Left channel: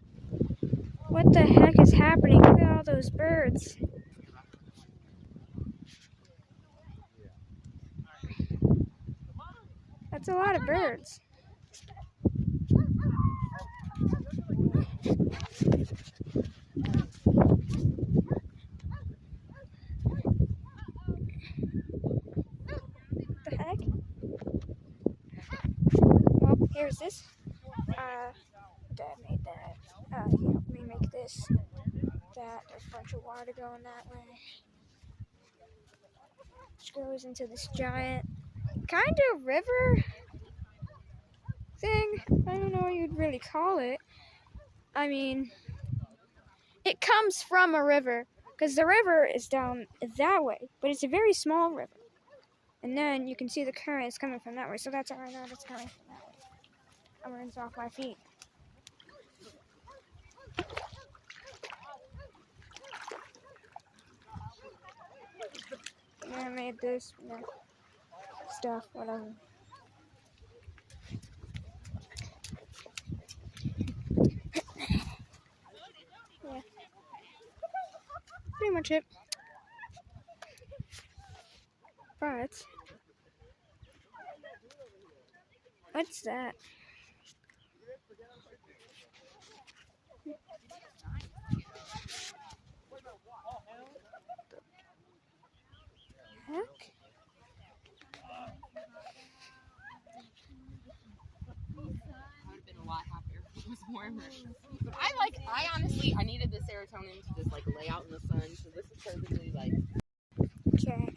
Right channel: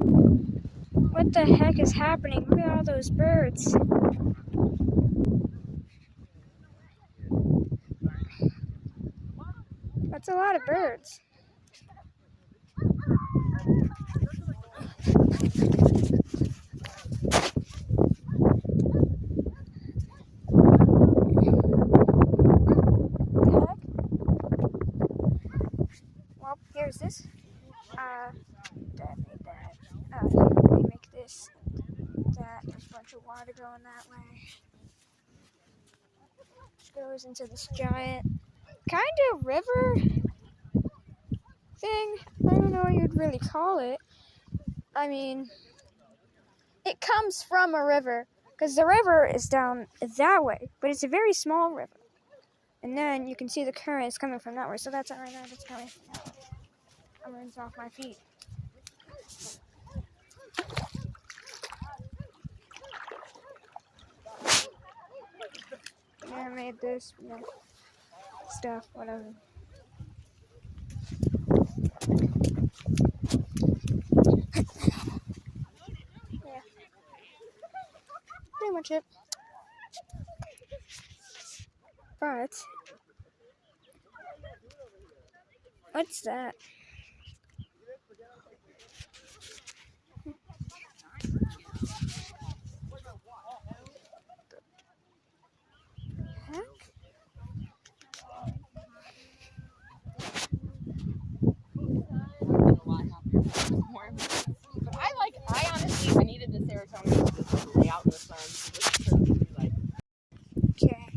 What the heck is happening? Look at all those birds. That's a lot of birds. What the heck? Well, here's this. Dad made that. We make this. That. There's a bunch of water going that way. Which goes into this giant kind of river thing. I don't know what you'd really call it. I mean, it comes from a river because the river is down that way, but it's a very small river. And then you can see the currents coming from that way. So that's right now, that's coming from that way. I'm rinsed off my feet. Yeah, I made this, stuff, whatever. Yeah. Pretty much it. But what's that? Heck? I honestly needed the serotonin to just lay out in the sun. So this is perfectly like. Okay.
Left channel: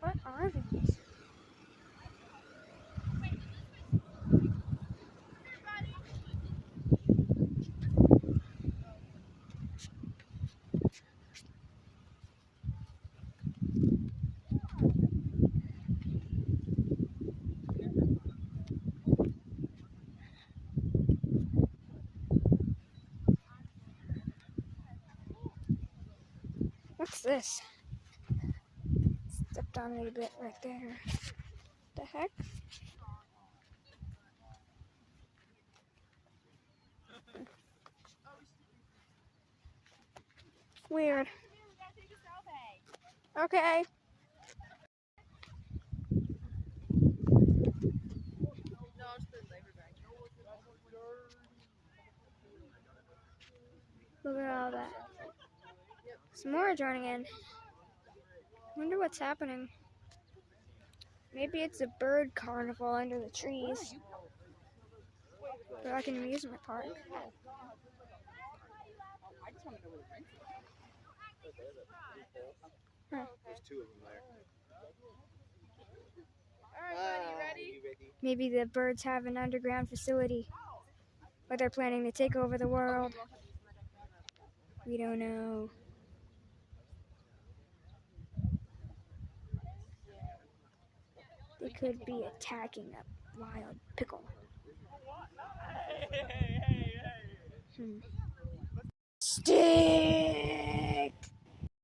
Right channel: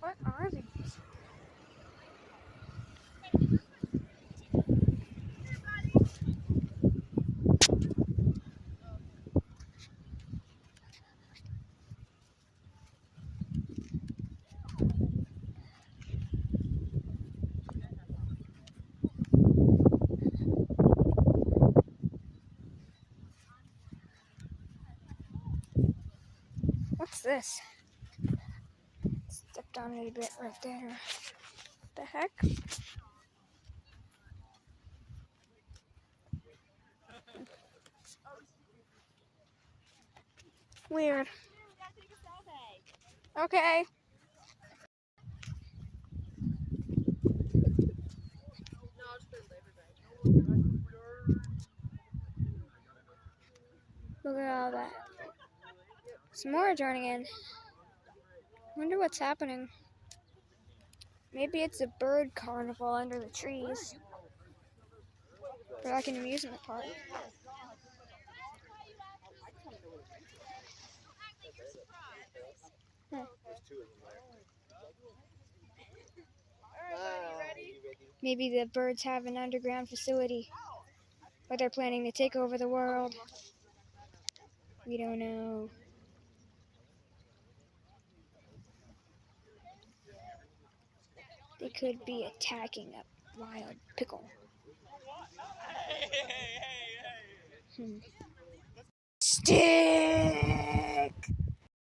What are these? What's this? Stepped on it a bit right there. What the heck? Weird. Okay. Look at all that. Some more are joining in. Wonder what's happening. Maybe it's a bird carnival under the trees. Or like an amusement park. Huh. Maybe the birds have an underground facility where they're planning to take over the world. We don't know. They could be attacking a wild pickle. Stay!